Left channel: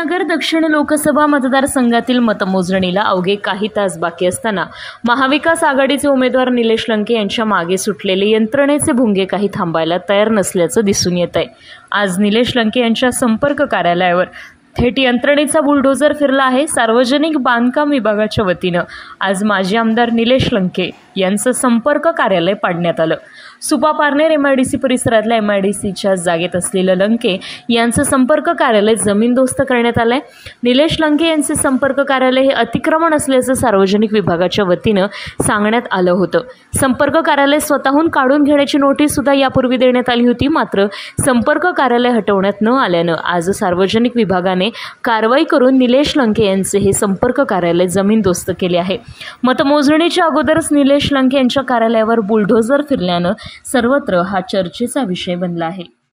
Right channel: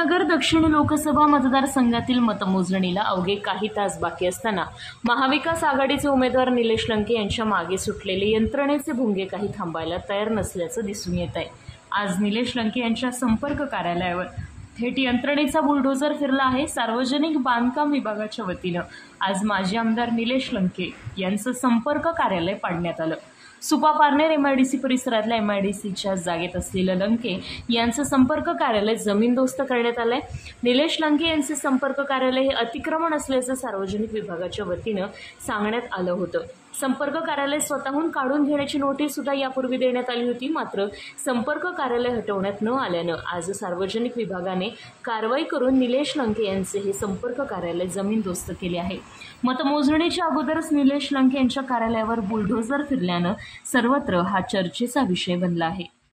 अहमदनगर दक्षिण लोकसभा मतदारसंघातील मतमोजणीला अवघे काही तास बाकी असताना महाविकास आघाडीचे उमेदवार निलेश लंके यांच्या मागे सुटलेले यंत्रणेचे भुंगे काही थांबायला तयार नसल्याचं दिसून येत आहे। आज निलेश लंके यांच्या संपर्क कार्यालयावर थेट यंत्रणेचा बुलडोझर फिरला आहे। सार्वजनिक बांधकाम विभागाच्या वतीनं आज माजी आमदार निलेश लंके यांचं संपर्क कार्यालय पाडण्यात आलं। सुपा पारनेर एमआयडीसी परिसरातल्या एमआयडीसीच्या जागेत असलेलं लंके यांचं संपर्क कार्यालय जमीनदोस्त करण्यात आलंय। निलेश लंके यांचे संपर्क कार्यालय हे अतिक्रमण असल्याचं सार्वजनिक विभागाच्या वतीनं सांगण्यात आलं होतं। संपर्क कार्यालय स्वतःहून काढून घेण्याची नोटीस सुद्धा यापूर्वी देण्यात आली होती, मात्र संपर्क कार्यालय हटवण्यात न आल्यानं आज सार्वजनिक विभागाने कारवाई करून निलेश लंके यांचे हे संपर्क कार्यालय जमीनदोस्त केले आहे। मतमोजणीच्या अगोदरच निलेश लंके यांच्या कार्यालयावर बुलडोझर फिरल्यानं सर्वत्र हा चर्चेचा विषय बनला आहे।